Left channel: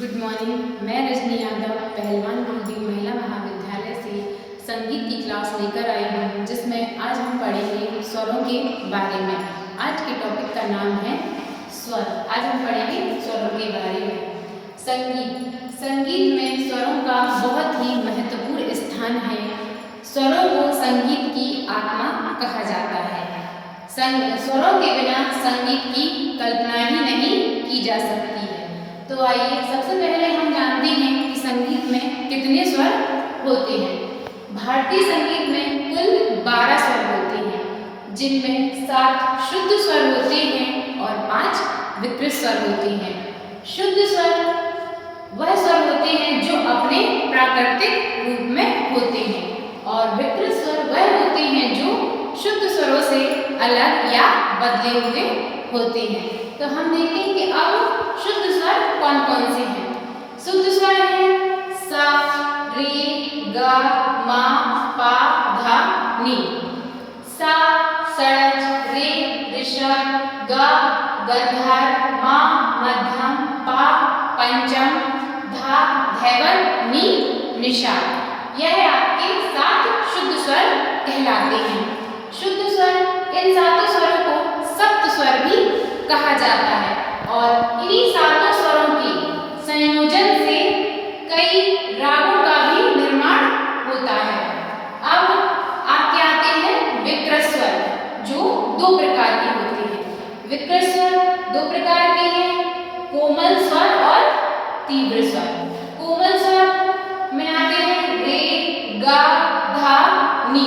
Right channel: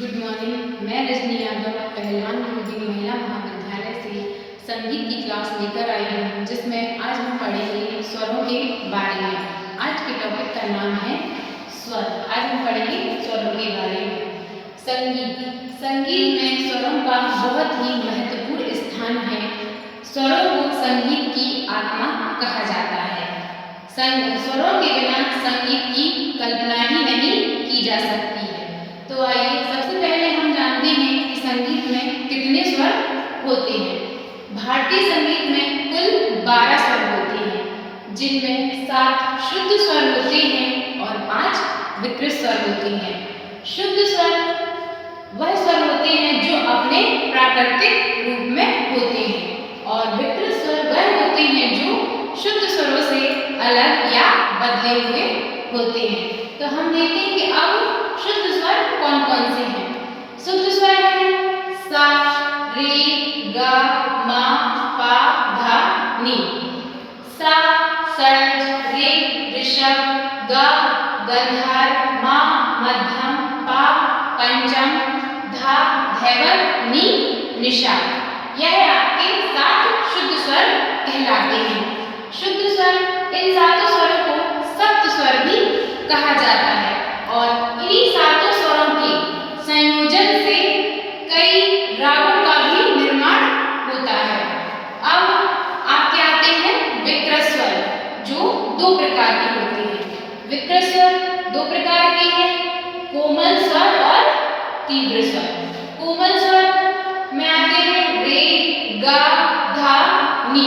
Good morning. मैं रजनी यादव पहलवान गुरुजी महिला महाविद्यालय से संगीत की क्लास लेकर आई हूँ, जिसमें आज हम पढ़ेंगे स्वरों के बारे में। आज के टॉपिक का नाम है स्वर। आज हम पढ़ेंगे स्वरों के बारे में। संगीत में स्वरों का बहुत ही महत्वपूर्ण स्थान है। स्वरों को संगीत की आत्मा कहा जाता है। स्वरों के बिना संगीत की कल्पना ही नहीं की जा सकती है। तो आइए सबसे पहले हम जानते हैं कि संगीत में कितने स्वर होते हैं। भारतीय संगीत में कुल 12 स्वर होते हैं, जिनमें 7 शुद्ध स्वर होते हैं और 5 विकृत स्वर होते हैं। शुद्ध स्वर वह स्वर होते हैं जो अपने प्राकृतिक रूप में होते हैं, और विकृत स्वर वह होते हैं जो शुद्ध स्वरों से अलग या बदले हुए होते हैं। तो हम देखते हैं कि अब शुद्ध स्वर कौन कौन से हैं। शुद्ध स्वर है सा, रे, गा, मा, पा, धा, नी। सा सरज, रे ऋषभ, गा गंधर, मा मध्यम, पा पंचम, धा धैवत, नी निषाद। यह आपके 7 शुद्ध स्वर कहलाते हैं। शुद्ध स्वर, इन 7 स्वरों को सप्त स्वर भी कहा जाता है, और इन्हीं 7 स्वरों के संयोजन से कई रागों का भी निर्माण होता है। अब आपके आते हैं विकृत स्वर, जो 2 प्रकार के होते हैं। विकृत स्वर 2 प्रकार के हैं, कोमल स्वर और तीव्र स्वर। कोमल स्वर में आते हैं रे, गा, धा, नी।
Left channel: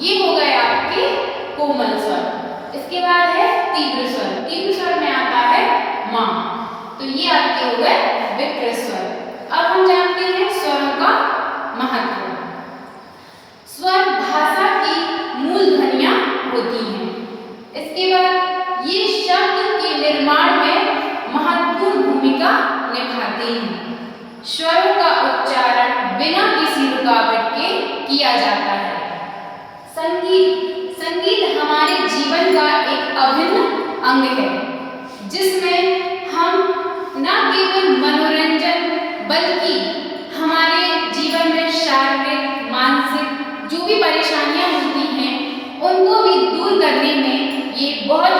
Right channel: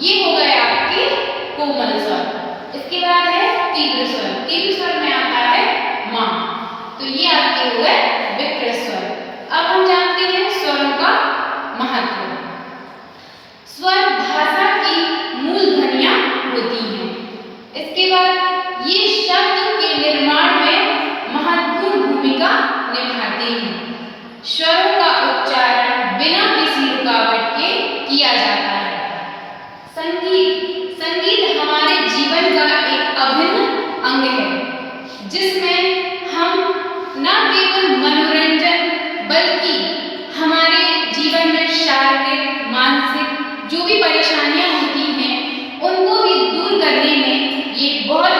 ये हो गए आपके कोमल स्वर। इसके बाद है तीव्र स्वर। तीव्र स्वर में आता है मा। तो ये आपके हो गए विकृत स्वर। अब हम जानते हैं स्वरों का महत्व। स्वर भाषा की मूल ध्वनियां होती हैं। इसके बाद ये शब्द के निर्माण में महत्वपूर्ण भूमिका निभाते हैं। स्वरों का उच्चारण बिना किसी रुकावट के किया जाता है। संगीत हमारे जीवन का एक अभिन्न अंग है, जिसमें हम न केवल मनोरंजन बल्कि हमारे जीवन में शारीरिक मानसिक जो भी परेशानियां होती हैं, उनको भी दूर करने में ये बहुत